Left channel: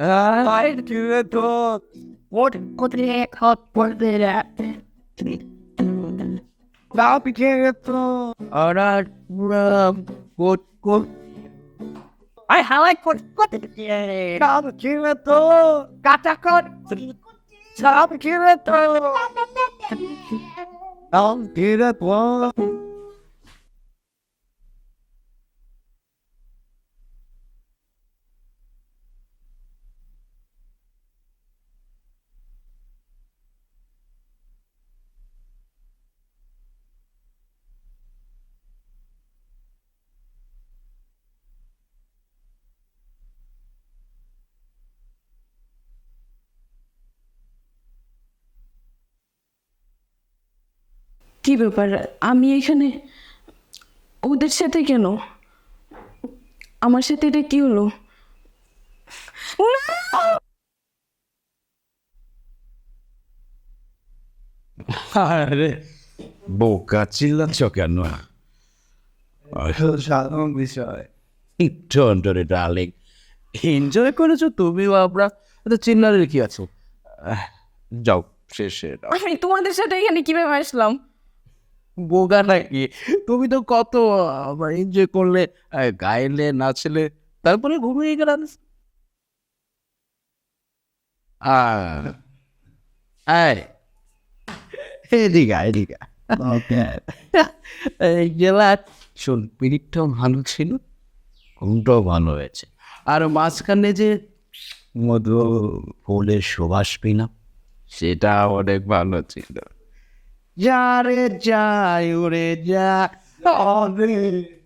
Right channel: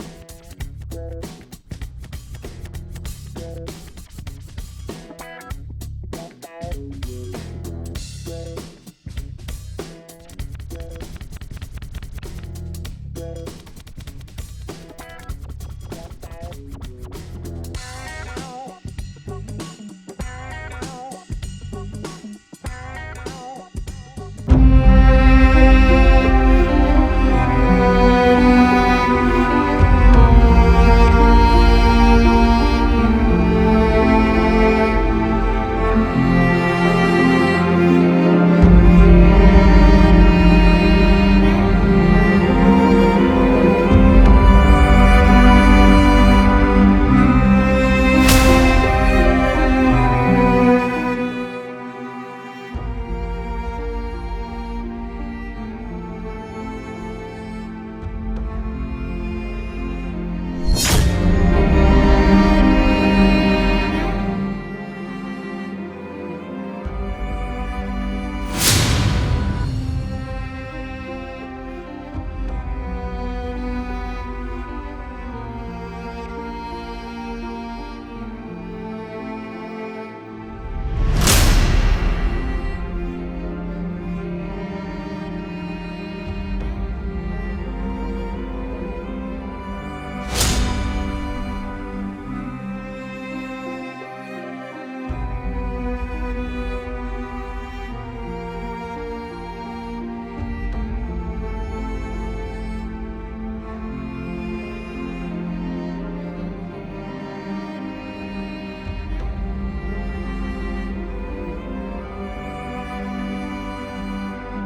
I do it all. What could he cut for the now became it all. Alright, good. I like what yeah. Now became it all. Got that cut. Now became it all. Now get it all. কি ব্যাপার আমি এখানে ওদের সাথে কেন আমার সাথে এটা কি হলো আরে বোকা চিল্লাচ্ছ কেন সাধারণ বিষয় ডোন্ট ওরি ডার্লিং এনজয় করেছো তুমিও আমরা তো চিল্লারের কি আছে যাও শেষে আমি তোমাদের সাথে এখানে কিভাবে আসলাম বোকা নাকি তুমি তো কত এনজয় করলে গাইলে নাচলে তারপরে ঘুমিয়ে গেলাম এদিকে গেলা শোন পিরিটটাও ভালো ছিল ঘুমটাও ভালো হয়েছে আর মাঝখানে যে মধু বলের সুবাস পিনা সেটা অনেক ভালো ছিল যা রে যাই উড়ে যা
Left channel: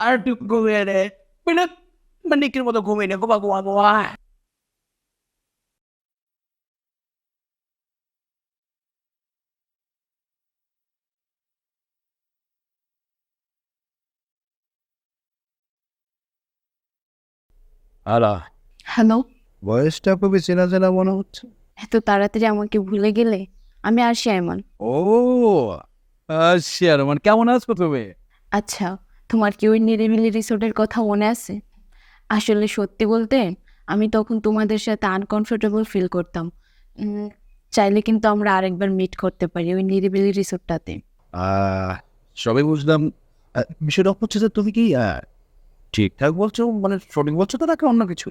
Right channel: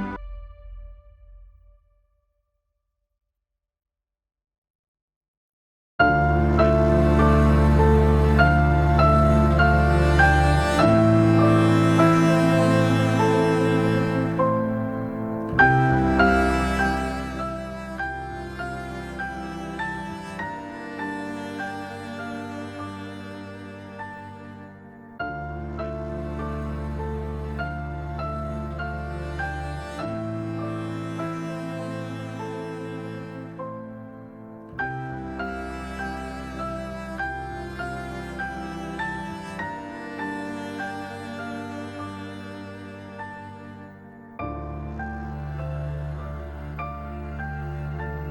আর একটু ঘুমিয়ে রে মানিকের মতো ঘুমিয়ে নে ঘুমা আলা হ্যালো বয়সটা খুবই চেনা চেনা মনে হচ্ছে এত তাড়াতাড়ি আমাকে ভুলে গেলে আমি আসি আইমান ও আচ্ছা রমান কেমন আছো তুমি আচ্ছা তোমার কি ওই নিরিবিলি রিসোর্টের কথা মনে আছে আসলে সত্যি বলতে আমি তখন তোমাদের সাথে আনকমফোর্টেবল ফিল করতাম চাইলে কিন্তু আমরা আরেকবার মিট করতে পারি ওই নিরিবিলি রিসোর্টটাতে সবই বুঝলাম বিষয়টা হচ্ছে যে তুমি কি ঠিকঠাক বলছো মানে সঠিক বলছো তো নাকি অন্য কিছু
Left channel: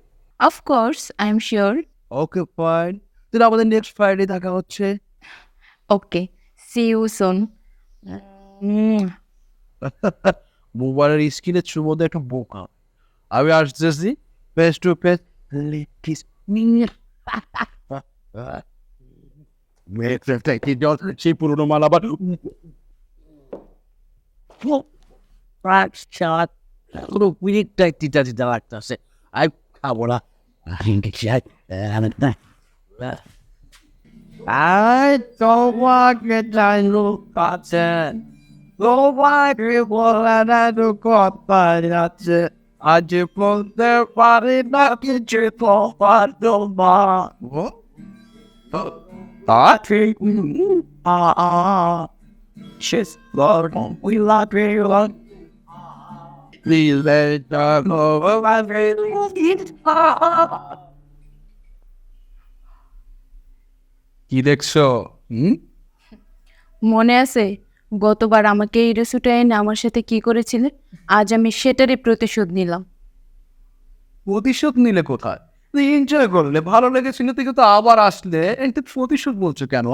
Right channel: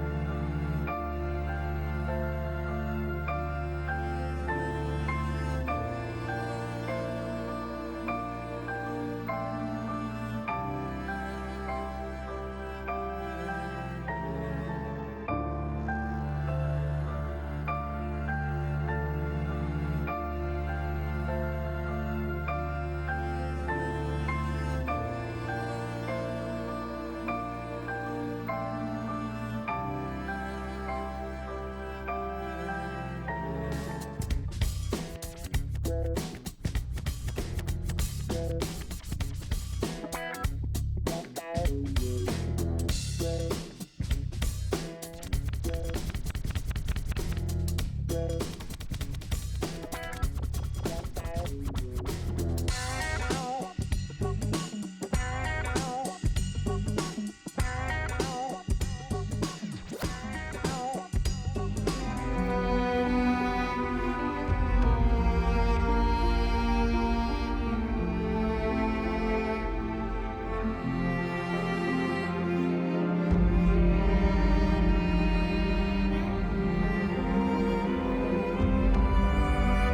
of course I am sure okay fine তাহলে আমাদের নেক্সট ফ্রাইডে দেখা হচ্ছে ওকে সি ইউ সুন মোবাইলের স্ক্রিনের থ্রুর মধ্যে একটা বোকা আমি আসতেছি ফেস টু ফেস কিস মেয়েটা কি জল সেই পুরোনো মাল আবার পুরো পিরিকটা তিতা তিতা লাগতেছে আই খাবো না I don't want to die look button. Go by people and I do got by that's it. I just put their body back in triple but no more. What? I think shit Lord we love you Lord. Please let it talk over my baby. কি দেখছো মনে আছে গতবার আমাকে এই রেস্টুরেন্টে এনে আমার সাথে কি করেছিলে আজ আমি সেটারই প্রতিশোধ নিলাম প্রতিশোধ নিলে কোথায় তুই এনজয় করলে ভালো লেগেছিল তুই কিন্তু আবার আসলে একটু প্রতিশোধ বলছো কেন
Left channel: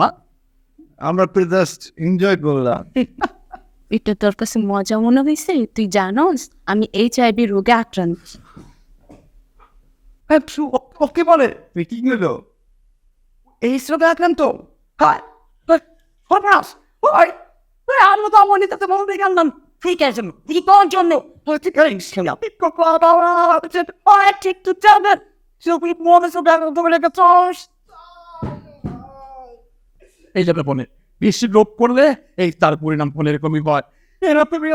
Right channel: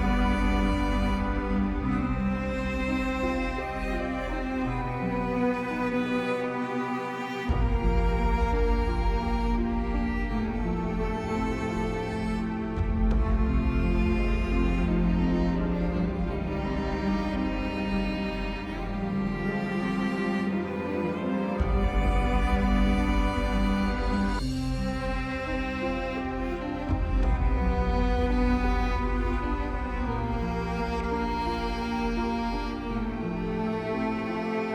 আমরা তো জাস্ট এনজয় করলাম এটা তোর কাছে মজা মনে হয়েছে তুই জানোস আমি HIV রোগে আক্রান্ত ওকে বলে মিটিং হলো এই শ্রমে আক্রান্ত হাই পরাস ওই আমি তো আমনি তাতে বলতে গেলাম ঠিক আছে তুই কোন জন্য ঠিক আছে বাবা যে ঠিক তো যাবে তুই মনে সব তোমার একটা চোষ এই যাবে বলে বেশি লোভ করলে এই তার পরিণাম হলে এরকমই হয় এরা তুমি